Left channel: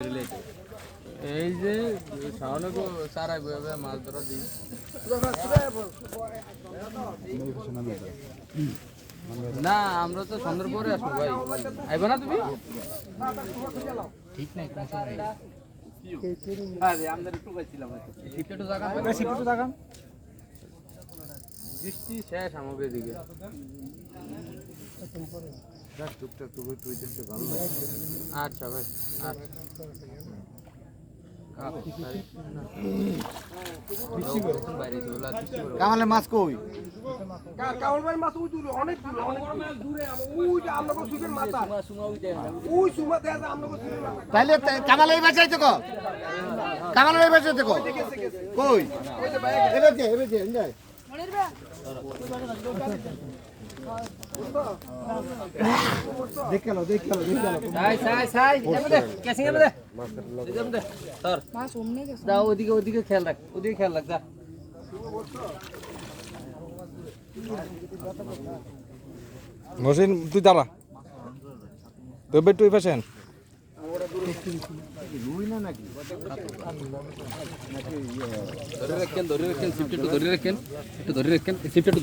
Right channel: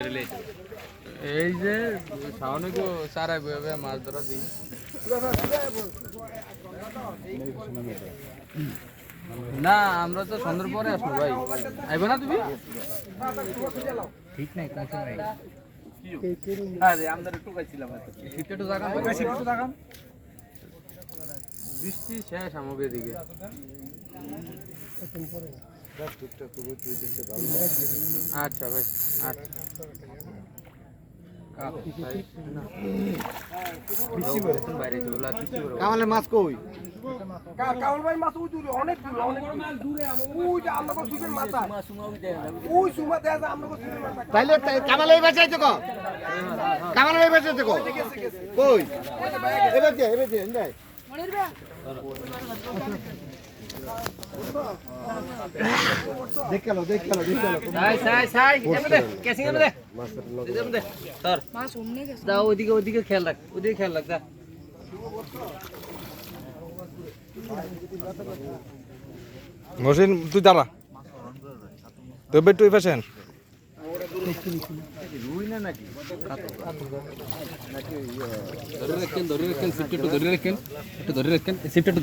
এই যে শাওনকে সারা মাছ ধরা দিই না আমরা তো সন্ধ্যার পরে আসব ভাই। আইবে না তুমি? ঠিক নাই কোন সময় আরে আমরা একটু গাইছিলাম একটু জাগাম একটু জাগাম। বৃষ্টি শেষ আমাকে দিকে আচ্ছা ভাই আচ্ছা। কামালে মাছ কই? কাউল ভাই মাছ ওই দূরে অনেক দূরে অনেক দূরে ওই যে মাথা সুমা দেয়া যায় মাথা তাইলে কামালে কামালে কই দে দে দেখ গেল দেখ গেল দেখ গেল সাই সাই সাই এমনে দে কেসিং এমনে দে এমনে দে ধর। দা ওদিকে ওদিকে খেয়াল রাখ ওদিকে খেয়াল রাখ দা মহসিন তুই দাঁড়া। তবে তুই পেছেন ধরে রাখেন ধরে রাখেন একটু ধরে রাখেন একটু ধরে রাখেন সিট একটু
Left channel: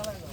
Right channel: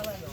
আমার